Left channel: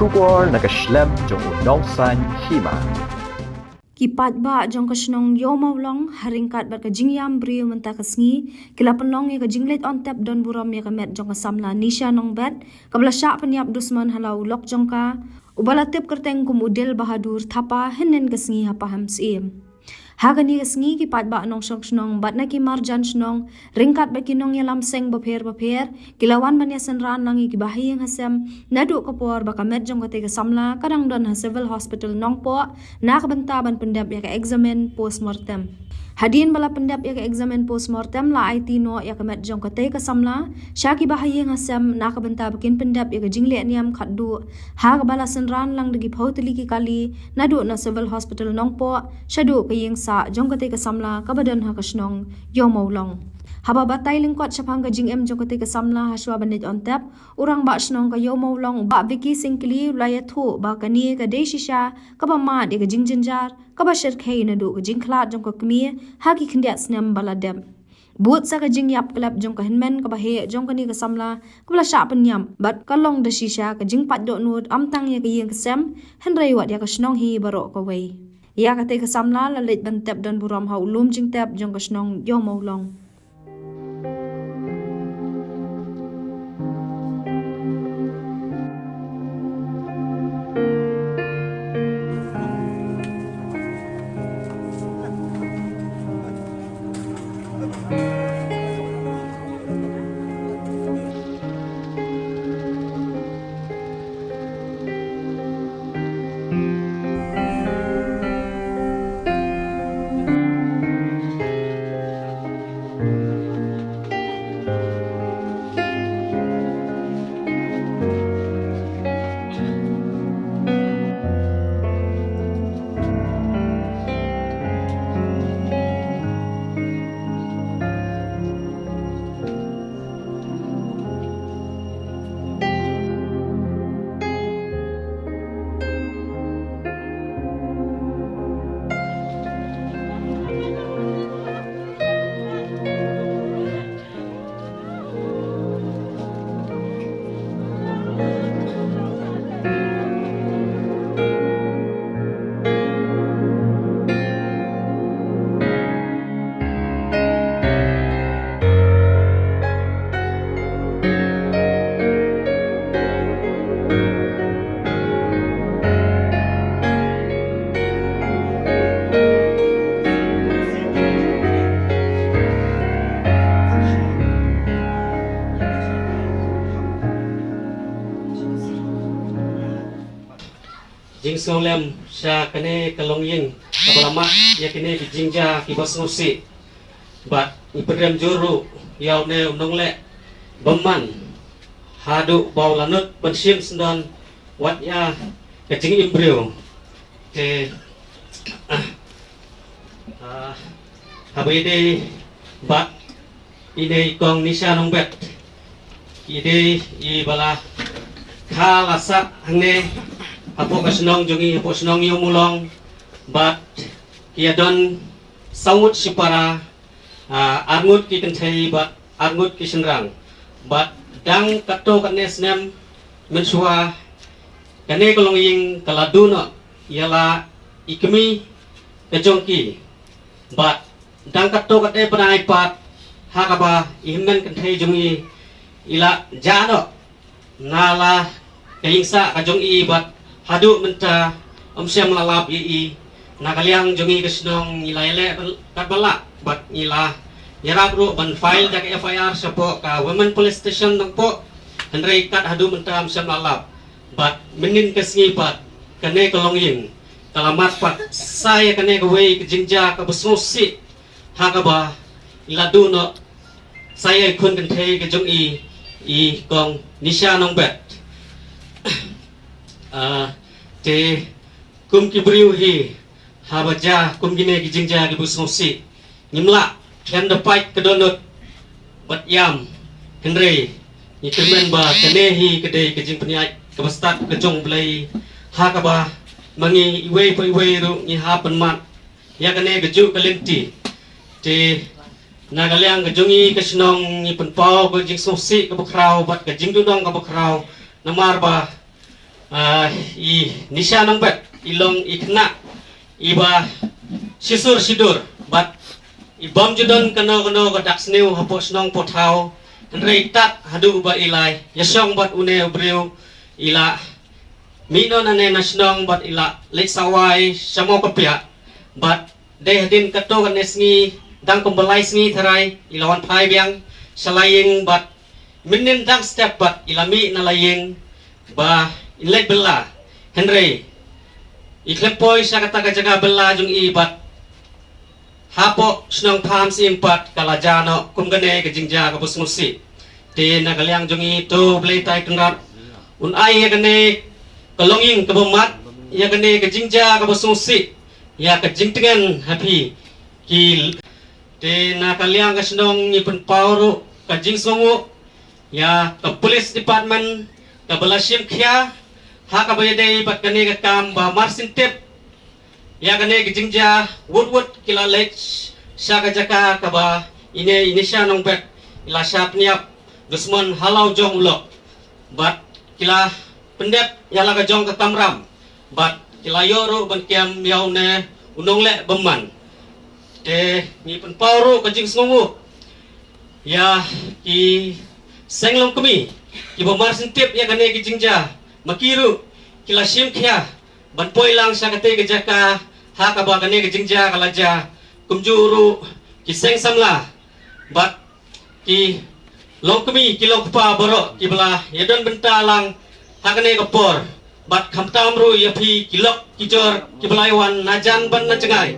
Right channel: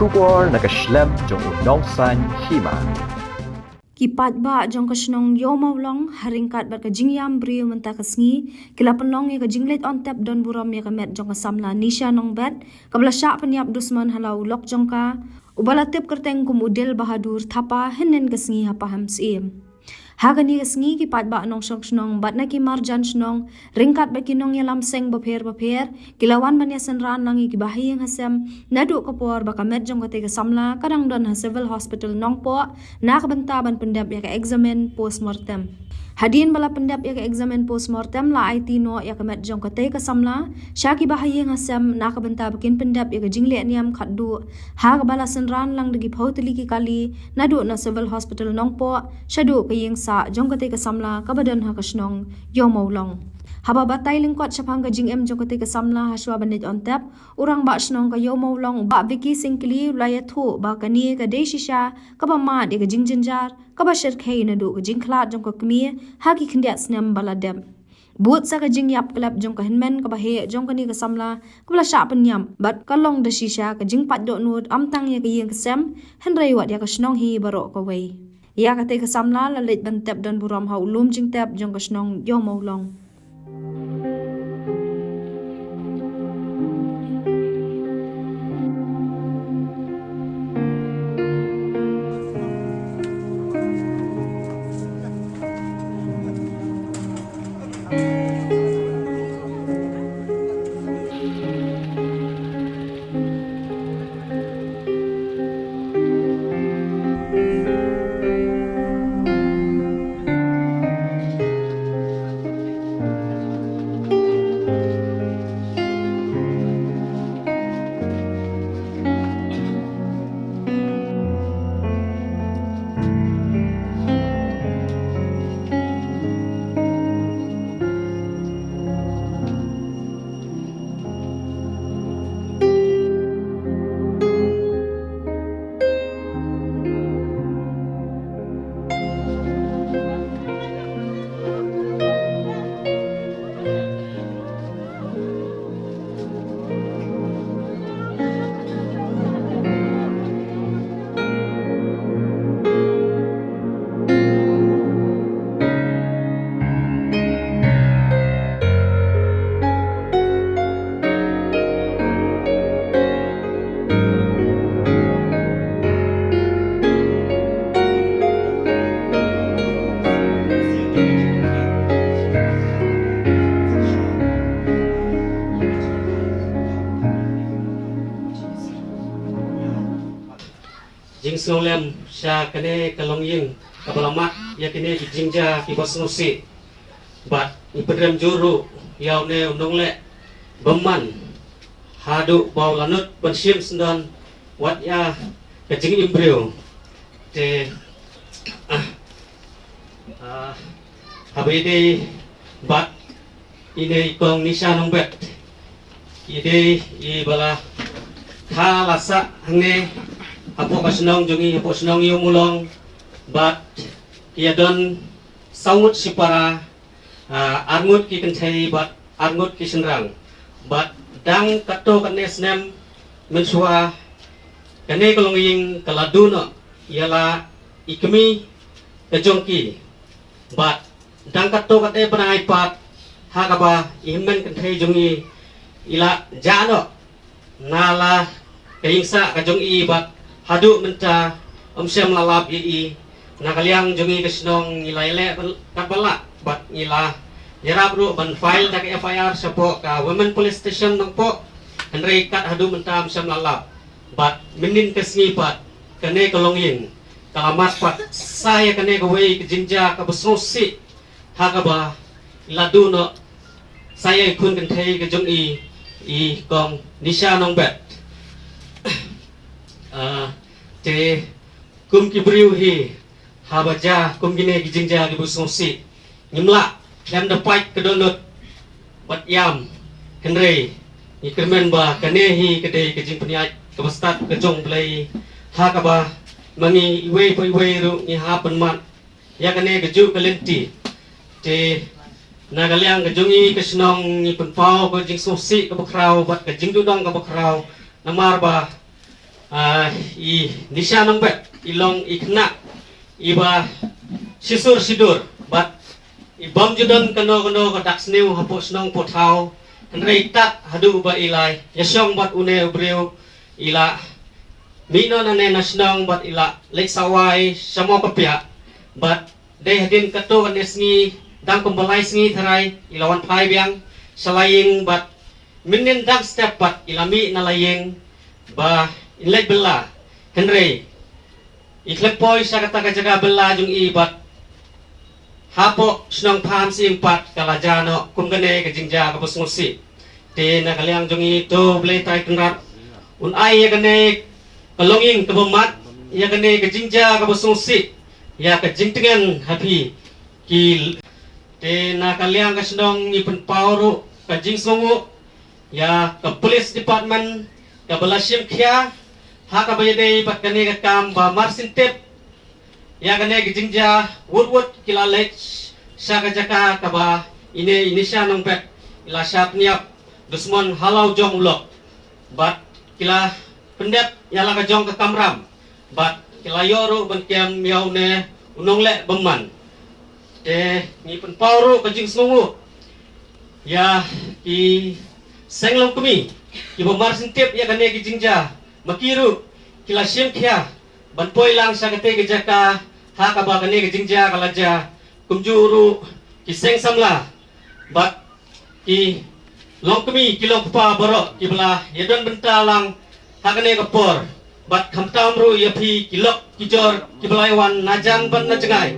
Shubor nakaslem jong unongsan hima. Kipat ba jong kasnong yomaw long haringkat bar ka jingyam brio menta kasngi kila penlong ya ka jinglet on tap don buram ya ka met jong ka samla nisha nong bet kabla sya penyap dusman halau lok jong ka ubala tip kerteng kumudel bahadur thapa henen kasngi hapa hamsim hagani kasngi kipat ba nong snong bat na ki marjan snong ringkat ba kinong ya lamseng bapher kilawan man ya senran langi ki bahiyang hasem nadu kapor ba ka met jong ka te ka samla kadang don ha civil hospital nong po nak bentaban pendap ya ka examine postmortem hadin bala pendap ya ka examine postmortem la IT no ya ka met jong ka te ka samla syaki bahayeng hasem nak benta bakin pendap ya ka jingle niam khaddu ha ka bala senran lang dagi phautli ki kali nadu na civil hospital nong po shadu ka yeng sa jong ka te ka samla ka badan ha ka snong yomaw long haba batay lingkot syapang ka jingem jong ka te ka samla haswa banit on tap urang ba snong ka yomaw long ba viki singkli laya thu ba ka ni ka de shisha ka ba ma de ka jingjinjar ka ba shir khei na du ka jingkhlat jong ka kmi ha ki khndiat snem bala dem but sa ka jing yap klap jong ka henmen ka ba he jong ka ni ka samla ka bla sha penyam bat ka long de shisha ka jing pat do nut am tang ya ka yeng ka sem hen rei wat ya ka snong hi baro ka wei ya ka te ka samla la let ban tap don buram ha ulum jing tap jong ka snong yomaw long jing solem sya kene kalong ying abalama ya kene ki jingja ki basnusi bat ni pedram juru yaw ne unong le beman hadu baw lanut pensim sendon wat ya ke jing imbreu te habide bat ide kong nisha nong bet ide I bala tha lasa hangne apo kasnong jongi apo snong yumulong bat kia don saut sipara arngut ki kenthai bat arngut ki senrang bat dang kato kane snem mensua kane kolong ying kaladuno yala ikmi kejongki bat dang kato kate panai pat hakaba ihmen kenthai jongi ila jano nala kayingsa kajong I bat hadu menta omsem lalap I nakaliang jongi kesnong nilai kabala bat nila yarap ru ban file dak FIR sapo ka women police station nang po henry kat hadu menta omsem lalap bat menin kesngi pat kane kolongin kalamat pat saya kane kawai kejingja ka besnusi hakaba iladu no saya ikun kenthei kejong I kong nisha nong bet te kum ki briu hi habaja kum gine ki jingja ki busnosi nimla kan da pait kedonot bat yam kenre ni temen ba kanehi kede ke jing peniat ke bastat ke jong blai ha ka ba mangi iwe po iwe ru ni ha penmat ya kane ke ju kalenti te nagaliang ke jongi ke snong ni penpau ke jing sosi ke bakrau bat ke jing dudong ke bakrau namar ba i nisya nong bet ilong ikna iba sisur sidur bat ibam judon kano kadak sniu hapos nong potau henrei tat hadu ba ilai yasyong bat une ubriu ila minon ane nasnong bat ila lek sawai samo kapia bat deh din kato kanesngi dang kumbelai sngi tharai ilawan pai biang salaying bat minin dang step bat ilami nalaying ba inlek bela henrei iklepoi sa kata kajaga bela jung ibat hapo snong pam si empat kalajano kumgane kejingja kapus musi te nagaliang jung itu blei tai tungrat un ai ya gane kalonging kebemat ya gane kejingja kapus musi ya kejingtengan happy ki te nakaliang kasnong ipun pauru kajing sungu ya ke police department ke belasim kya ha ka bayade bat kane ka kam ba marsin tep ya kane gijingja wood kila lech sa ka jaka ka ba ini sya nong bet ila syap niap dusmon halau jong lo bat kila pendep yala ka jong ka kamram bat kila yoru ban kiam yaune unong le beman ni pen pauru kajing sungu ya ki senglong kami ibu marsin tip ya kane gijingja makiru kila sim kia ban poi lang sa kate gejaka ha ka ba kane gijingja kalaja kumjuru ki seng samla bat ki long kami kilo pa boro ki bela yedon bentalang ha kane kapor bat khamtam ru ya phi kilok kijor ki belaiwan najan ban na cengai